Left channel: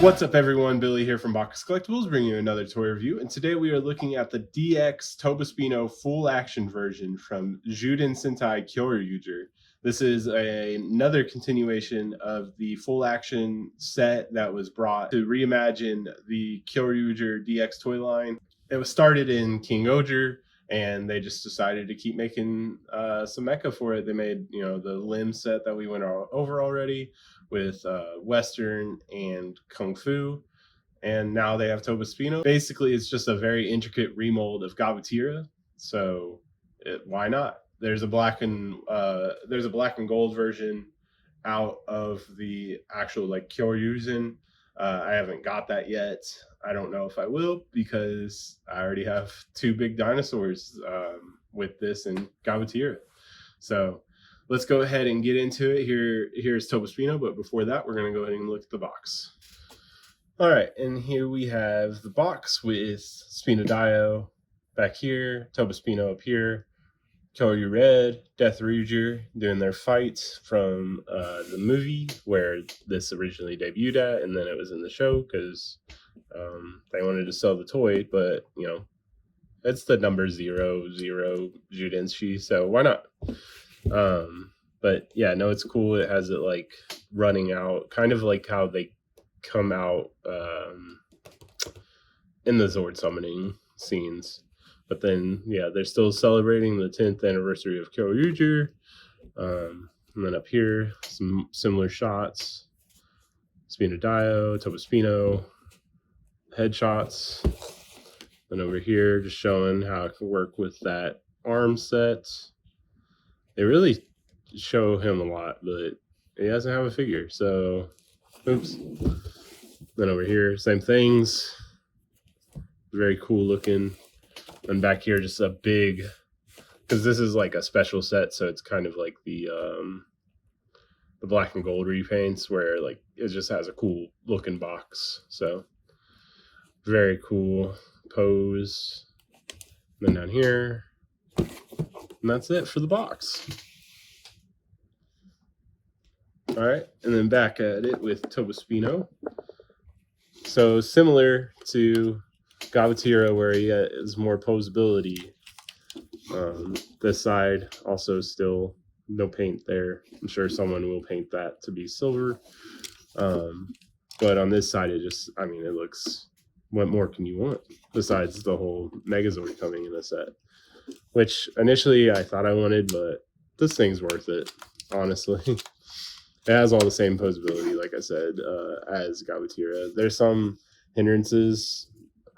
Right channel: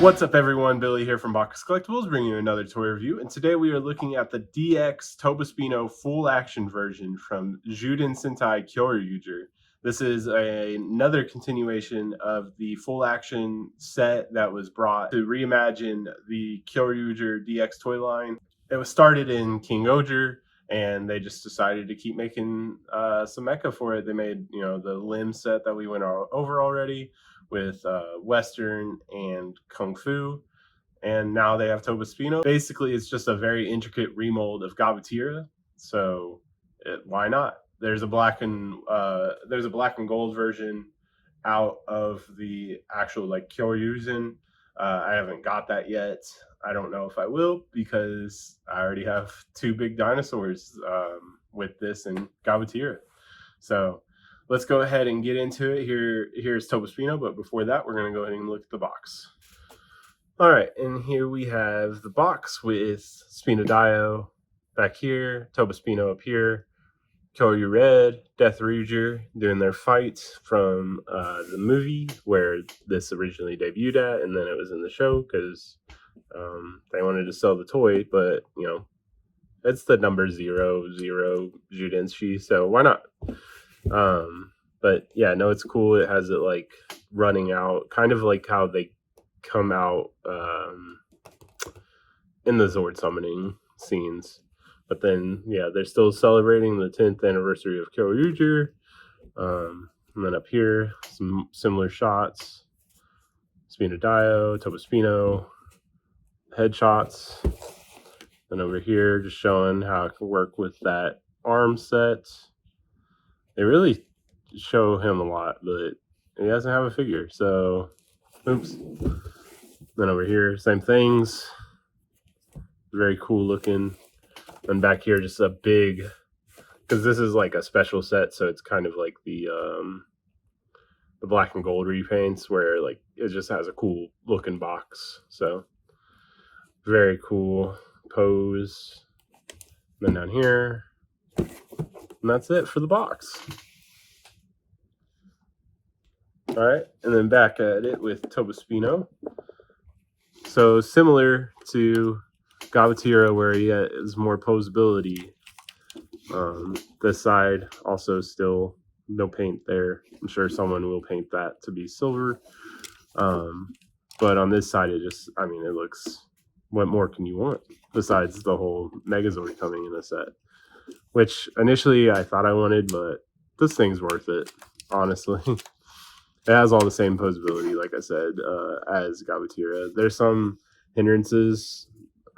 What's up everyone, Billy here from Box Collectibles bringing you another toy review, and today we are looking at the DX Tobaspino Full Action version from Zyuden Sentai Kyoryuger. This is another continuation of the Full Action set that was brought to reimagine the Kyoryuger DX toy line. It was started in Kingohger, and they just decided to keep making some mecha for it. They made, the limb set that we went over already, with Western and Kung Fu, and now they have Tobaspino. Basically, it's just a very intricate remold of Gabatira, so why not? There's a black and gold version out of the actual Kyoryugen. I haven't got that yet. I don't know if I will, because I already have two big dinosaurs with this and Gabatira. So let's go ahead and get into it. Here's Tobaspino, but before that, we're going to go ahead and look at the box. All right, and here we have the box with Spino DaiOh back here, Tobaspino up here, Kyoryu Red, Death Ruger doing their fight from the movie where this originally debuted at, and then it was in the show because they wanted to sell the toy, but it's the number 00 Zyudenshi, so why not? But yeah, no, it's cool. It has it like running out, kind of like how they come out in the Zord summoning scenes. But then, yeah, they're still celebrating the 10th anniversary of Kyoryuger. And then up here, some similar shots. Spino DaiOh, Tobaspino, headshots. Then over here, just showing how it can work with that arm set. They really show him a lot, but he doesn't have a figure, so oops. Then over here, same things. Very cool looking. And back here, just a big, because this is like a special set, so it's kind of like the black and gold repaints, where like it just has a cool looking box. So very cool pose. And then down here, and that's it for the box. All right, and then back at it with Tobaspino. So similar to Gabatira, where he has more posability. This side also still no paint there. I'm sure someone will paint that to be silver. But on this side, it just, it looks, what more can you want besides the whole megazord coming in the set? Which initially I thought I wanted, but this thing's worth it, honestly. It has all the same posability, like I said, as Gabatira. There's some hindrances.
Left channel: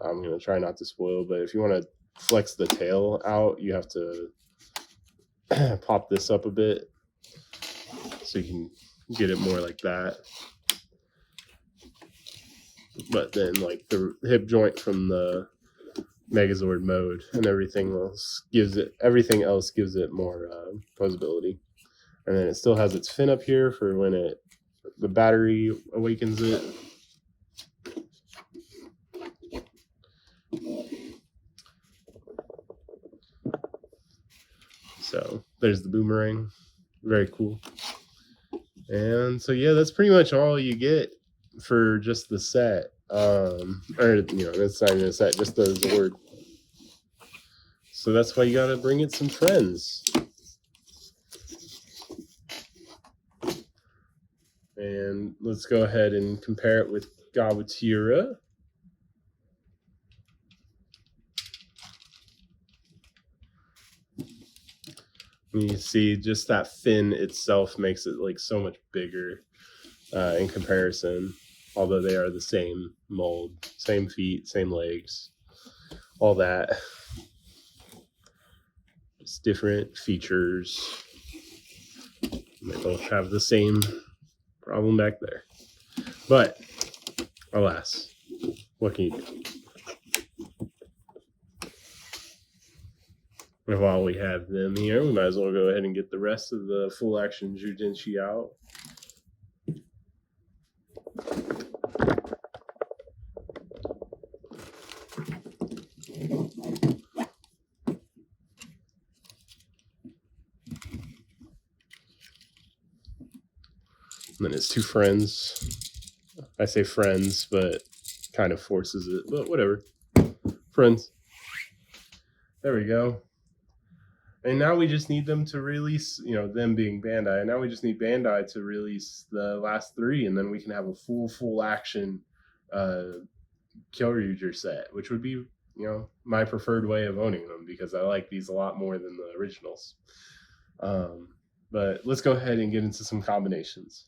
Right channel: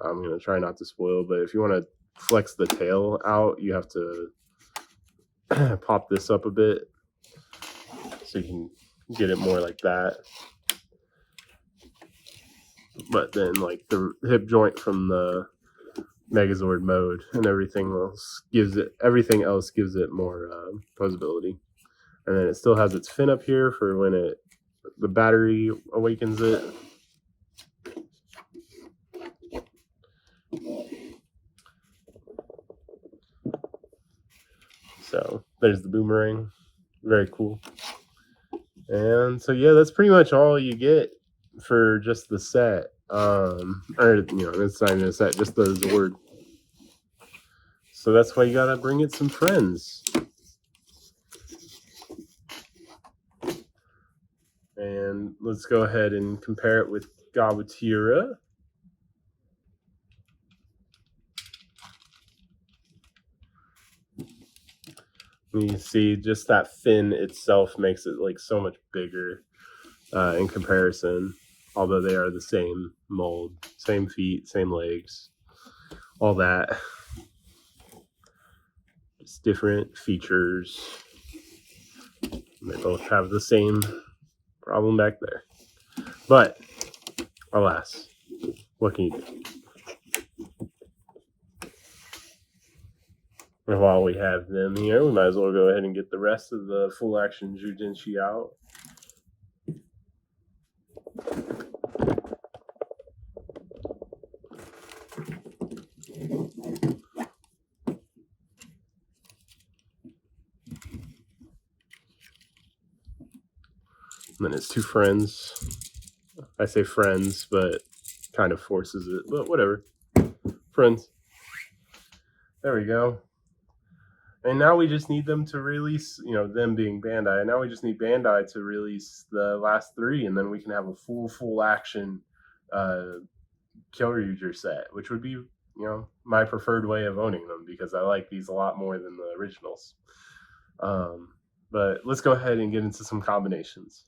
I'm going to try not to spoil, but if you want to flex the tail out, you have to pop this up a bit so you can get it more like that. But then, like, the hip joint from the Megazord mode and everything else gives it more posability. And then it still has its fin up here for when the battery awakens it. So there's the boomerang. Very cool. And so yeah, that's pretty much all you get for just the set. That's not even a set, just the Zord. So that's why you gotta bring it some friends. And let's go ahead and compare it with Gabatira. You see, just that fin itself makes it like so much bigger in comparison. Although they are the same mold, same feet, same legs, all that. Just different features. They both have the same problem back there. But alas, what can you do? And while we have them here, we might as well go ahead and get the rest of the full action Zyudenshi out. And then his two friends. I say friends, but kind of forces it, but whatever. Friends. There we go. And now we just need them to release, them being Bandai. And now we just need Bandai to release the last 3, and then we can have a full action Kyoryuger set, which would be, my preferred way of owning them, because I like these a lot more than the originals. But let's go ahead and get into some combinations.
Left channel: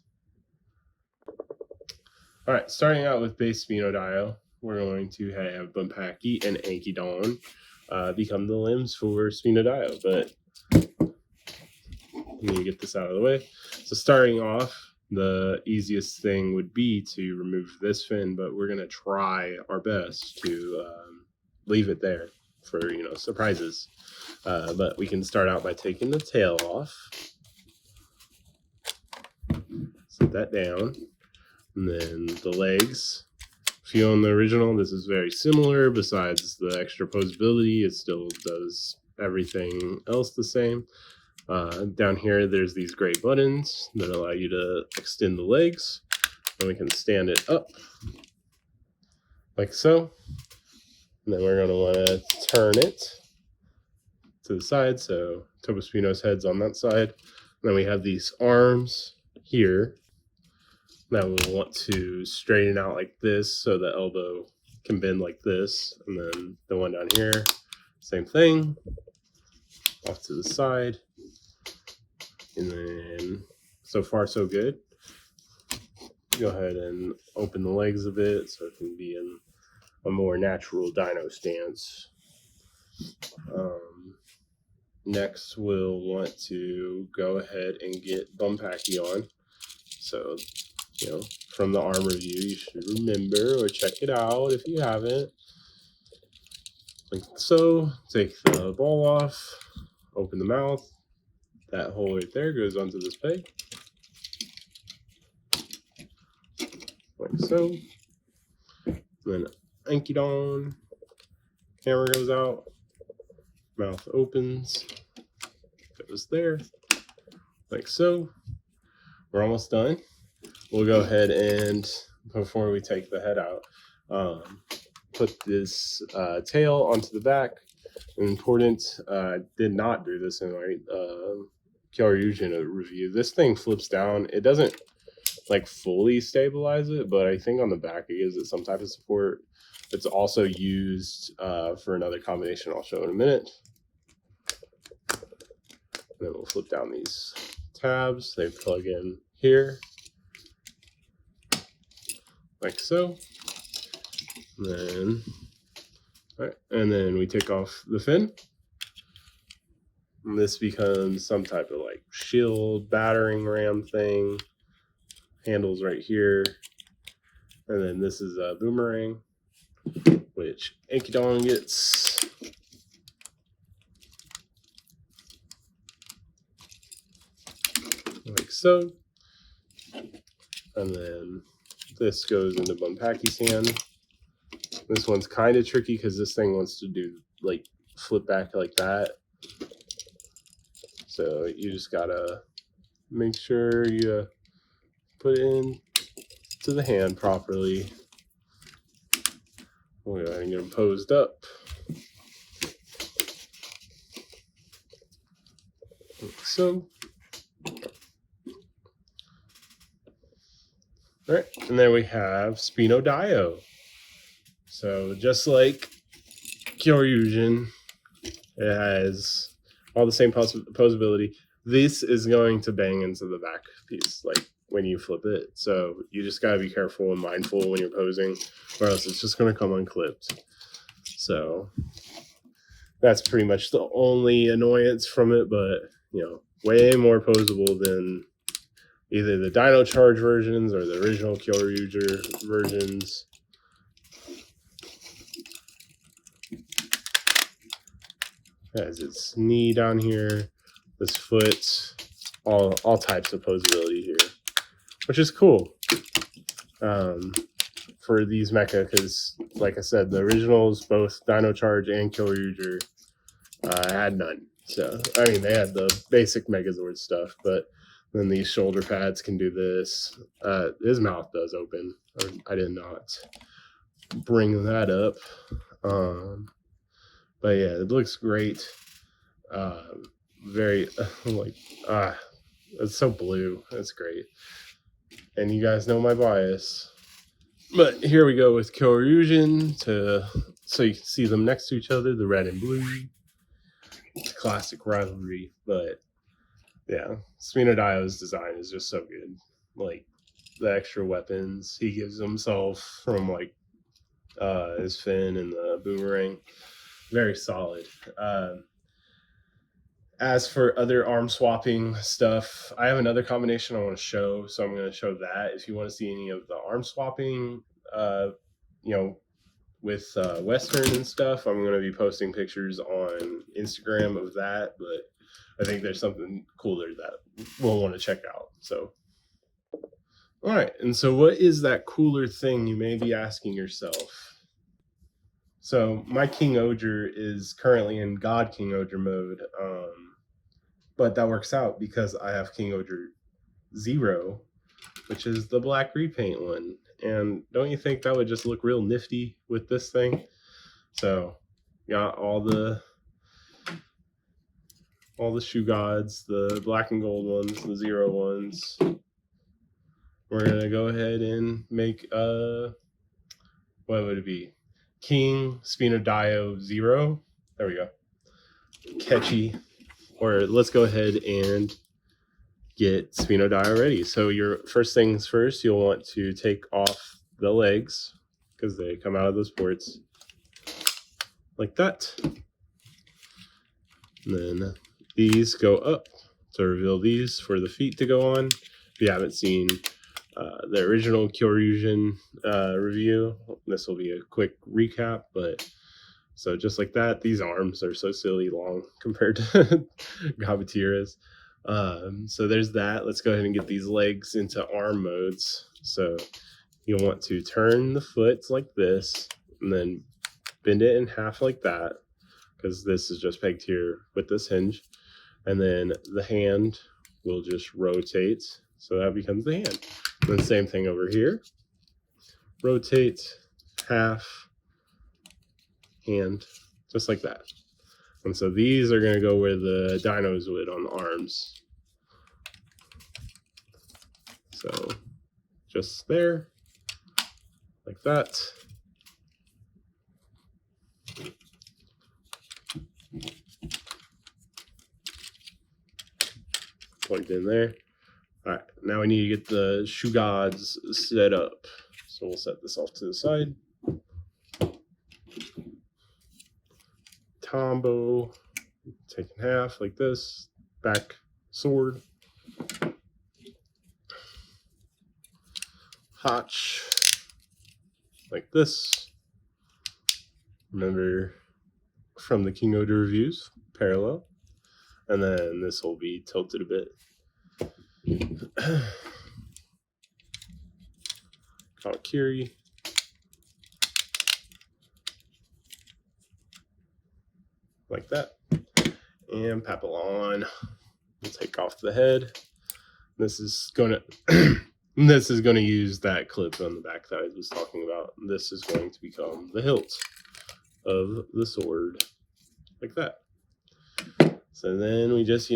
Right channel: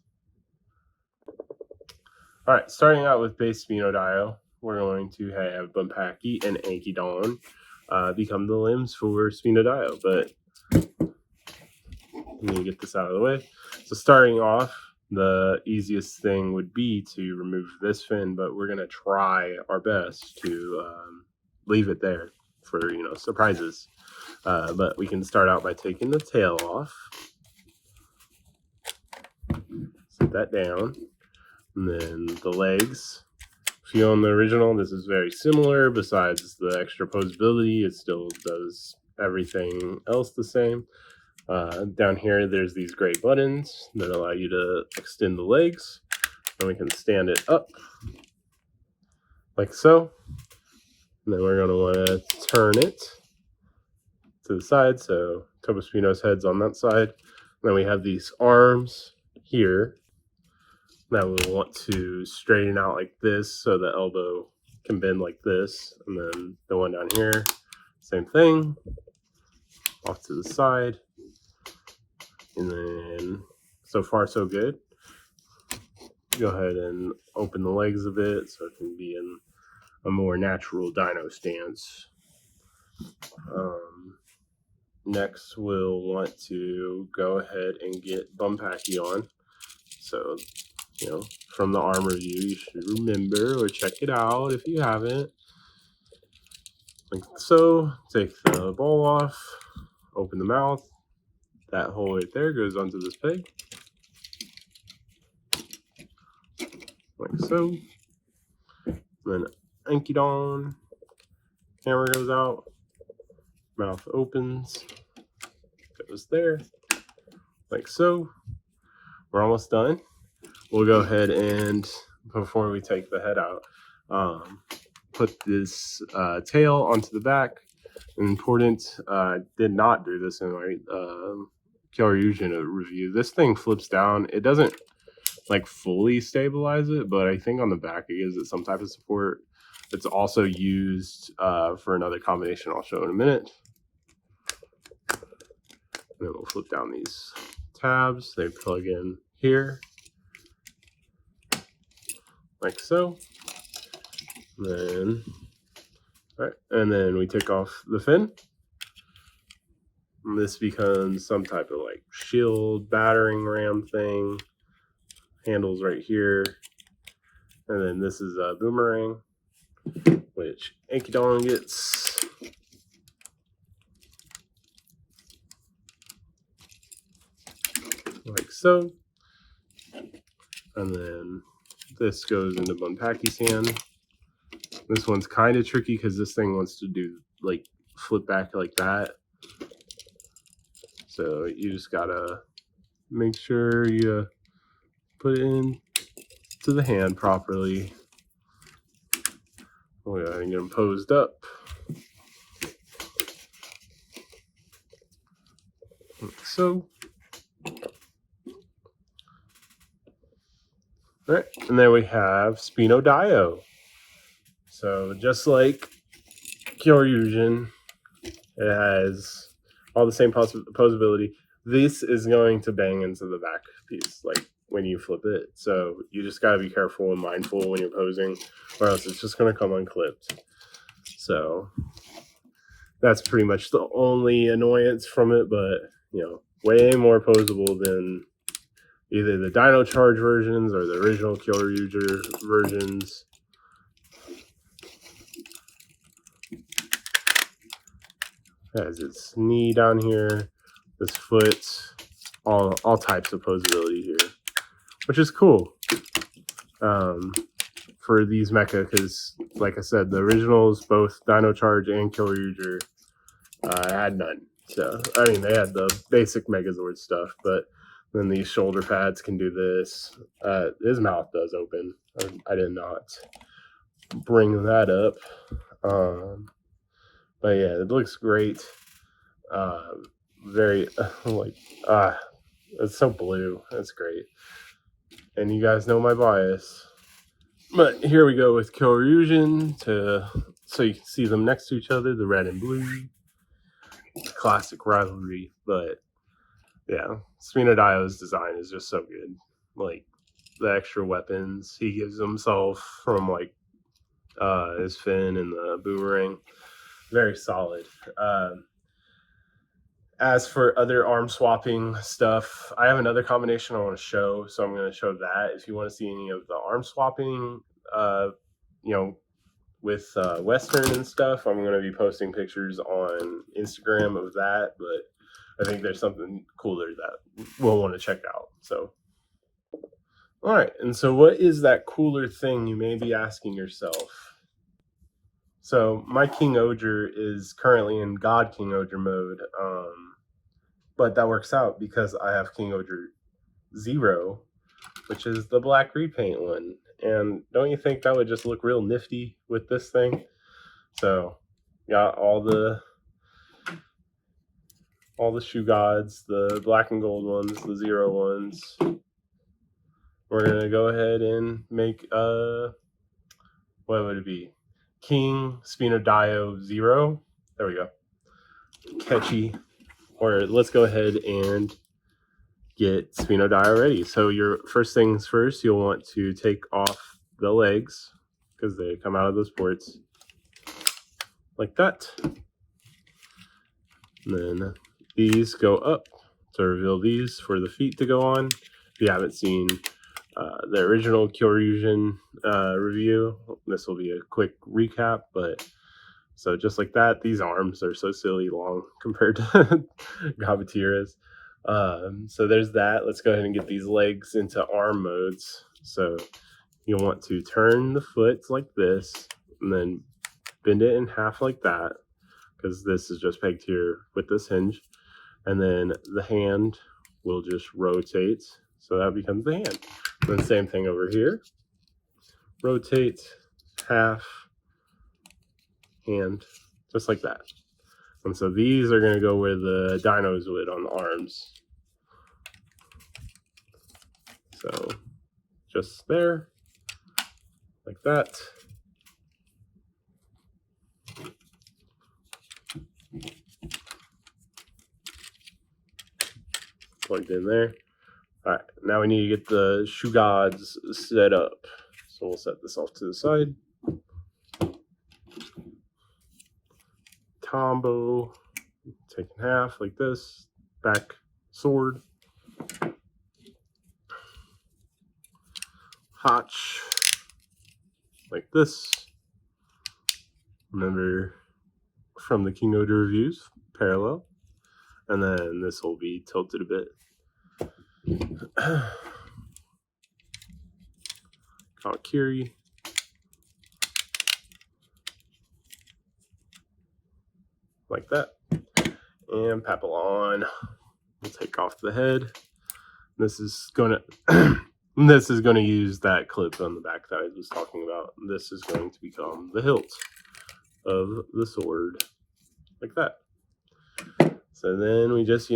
All right, starting out with base Spino DaiOh, we're going to have Bumpaki and Ankidon become the limbs for Spino DaiOh, but let me get this out of the way. So starting off, the easiest thing would be to remove this fin, but we're going to try our best to leave it there for, surprises. But we can start out by taking the tail off. Set that down. And then the legs. If you own the original, this is very similar. Besides the extra posability, it still does everything else the same. Down here, there's these gray buttons that allow you to extend the legs. And we can stand it up like so. And then we're going to want to turn it to the side. So Tobaspino's head's on that side. And then we have these arms here. Now we'll want to straighten out like this so the elbow can bend like this. And then the one down here, same thing, off to the side. And then so far so good. Go ahead and open the legs a bit so it can be in a more natural dino stance. Next we'll want to go ahead and get Bumpaki on. So from the armor view, you should remember or check it out if you haven't. Like so. Take the ball off, open the mouth. That hole right there goes onto this peg. Like so. Then Ankidon. Camera goes out. Mouth opens. Goes there. Like so. We're almost done. We'll go ahead and, before we take the head out, put this tail onto the back. Important, did not do this in my Kyoryuger review. This thing flips down. It doesn't like fully stabilize it, but I think on the back it gives it some type of support. It's also used for another combination I'll show in a minute. And then we'll flip down these tabs. They plug in here. Like so. And then we take off the fin. And this becomes some type of like shield battering ram thing. Handles right here. And then this is a boomerang, which Ankidon gets. Like so. And then this goes into Bumpaki's hand. This one's kind of tricky because this thing wants to do like flip back like that. So you just gotta make sure you put it in to the hand properly. Oh yeah, and get them posed up. Like so. All right, and then we have Spino DaiOh. So just like Kyoryuger, it has all the same posability. This is going to bang into the back piece, like when you flip it. So you just gotta be careful and mindful when you're posing, or else it's just gonna come unclipped. So that's pretty much the only annoyance from it, but way more posable than either the Dino Charge versions or the original Kyoryuger versions. Has its knee down here, this foot, all types of posability here, which is cool for these mecha, because like I said, the originals, both Dino Charge and Kyoryuger, had none. So I mean, they had the basic megazord stuff, but Then these shoulder pads can do this. His mouth does open. I did not bring that up. But yeah, it looks great. Very like it's so blue. That's great. And you guys know my bias. But here we go with Kyoryuger so you can see them next to each other, the red and blue. Classic rivalry, but yeah, Spino DaiOh's design is just so good. Like the extra weapons he gives himself from like his fin and the boomerang, very solid. As for other arm swapping stuff, I have another combination I want to show, so I'm going to show that. If you want to see any of the arm swapping, with Western and stuff, I'm going to be posting pictures on Instagram of that, but I think there's something cooler that we'll want to check out. So, all right, and so what is that cooler thing, you may be asking yourself? So my Kingohger is currently in God Kingohger mode, but that works out because I have Kingohger 0, which is the black repaint one. And don't you think that would just look real nifty with this thing? So got all the shoe gods, the black and gold ones, the 0 ones. We're gonna go ahead and make what would it be? King Spino DaiOh 0. There we go. Catchy. Or let's go ahead and get Spino DaiOh ready. So your first things first, you'll want to take off the legs because they come out of those ports like that. And then these go up to reveal these for the feet to go on. If you haven't seen the original Kyoryuger review, this will be a quick recap, but so just like that, these arms are so silly long compared to Gabatira's. So there's that. Let's go ahead and get these legs into arm modes. So you'll want to turn the foot like this and then bend it in half like that, because this is just pegged here with this hinge. And then the hand will just rotate, so that becomes the hand. And then same thing over here. Rotate, half, hand, just like that. And so these are going to go where the dinos would on the arms. So just there, like that. Plugged in there. All right, now we need to get the shoe gods set up. So we'll set this off to the side. Combo, take in half like this. Back sword. Hotch, like this. Remember from the Kingohger reviews, parallel. And then this will be tilted a bit. Kiri. Like that. And Papillon. We'll take off the head. This is gonna this is gonna use that clip on the back that I was talking about. This is going to become the hilt of the sword. Like that. So then we just,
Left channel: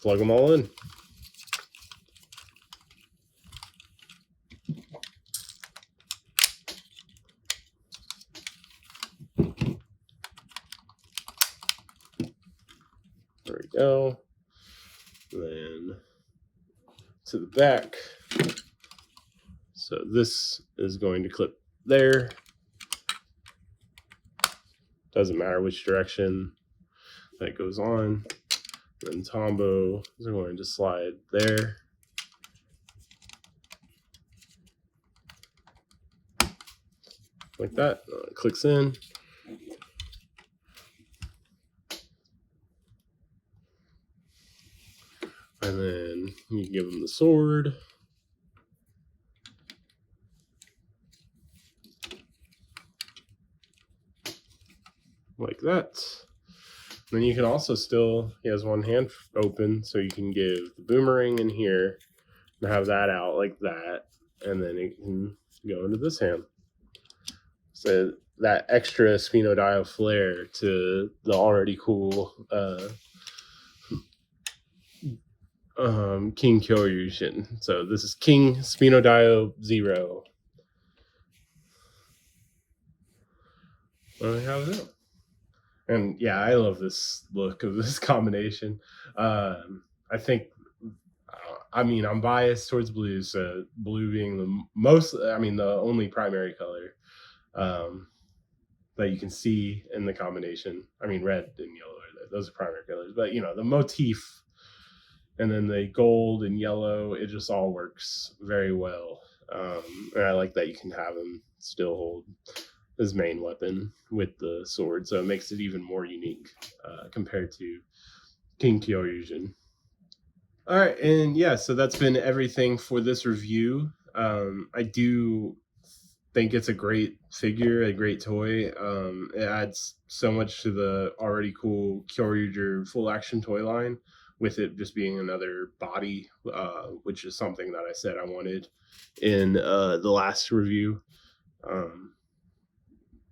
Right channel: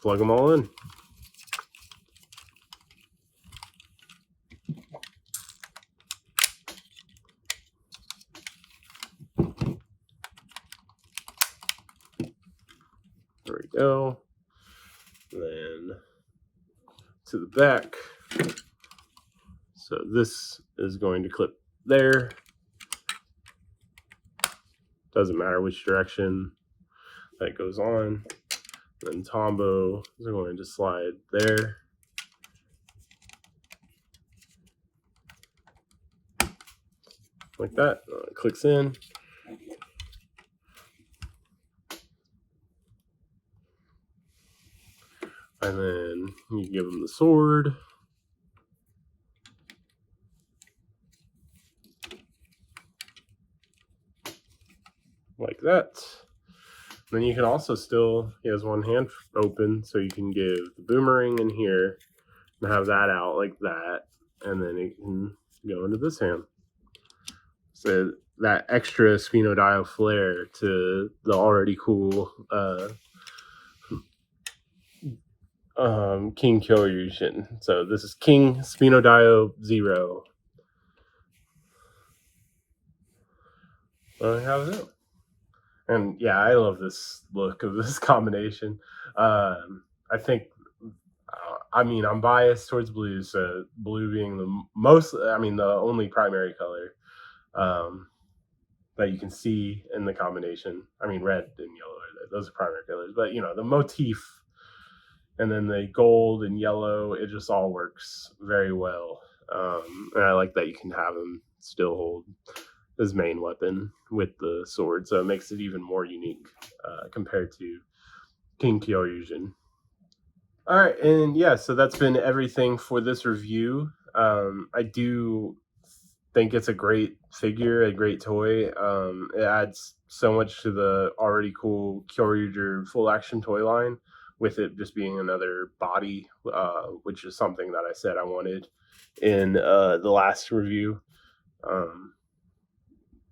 plug them all in. There we go. Then to the back. So this is going to clip there. Doesn't matter which direction that goes on. Then Tombo is going to slide there. Like that. It clicks in. And then you give them the sword. Like that. Then you can also still, he has one hand open, so you can give the boomerang in here and have that out like that, and then it can go into this hand. So that extra Spino DaiOh flair to the already cool King Kyoryuger. So this is King Spino DaiOh 0. How's it? And yeah, I love this look of this combination. I think, I mean, I'm biased towards blue, so blue being the only primary color that you can see in the combination. I mean, red and yellow, those are primary colors, but the motif and then the gold and yellow, it just all works very well. And I like that you can have him still hold his main weapon with the sword, so it makes it even more unique compared to King Kyoryuger. All right, and yeah, so that's been everything for this review. I do think it's a great figure, a great toy. It adds so much to the already cool Kyoryuger Full Action toy line, with it just being another body, which is something that I said I wanted in the last review.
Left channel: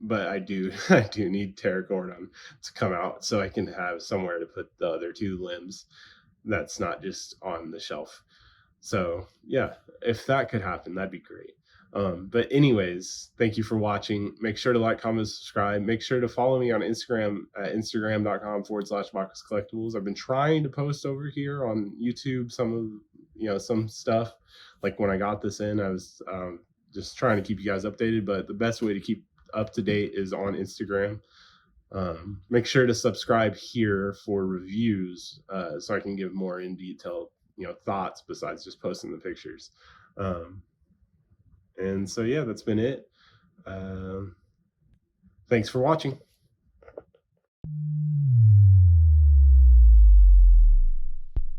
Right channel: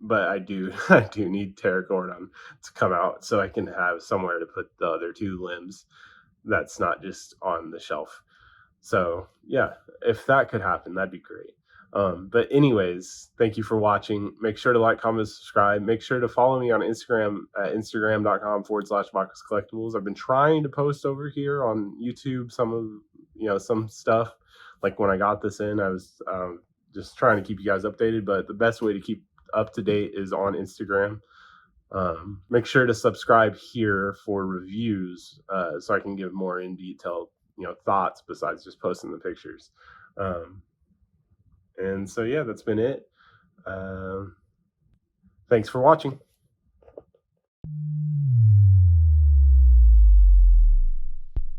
But I do need Terracordon to come out so I can have somewhere to put the other two limbs that's not just on the shelf. So yeah, if that could happen, that'd be great. But anyways, thank you for watching. Make sure to like, comment, subscribe. Make sure to follow me on Instagram at instagram.com/Bacchus Collectibles. I've been trying to post over here on YouTube some stuff. Like when I got this in, I was just trying to keep you guys updated, but the best way to keep up to date is on Instagram. Make sure to subscribe here for reviews, so I can give more in detail thoughts besides just posting the pictures. And so yeah, that's been it. Thanks for watching.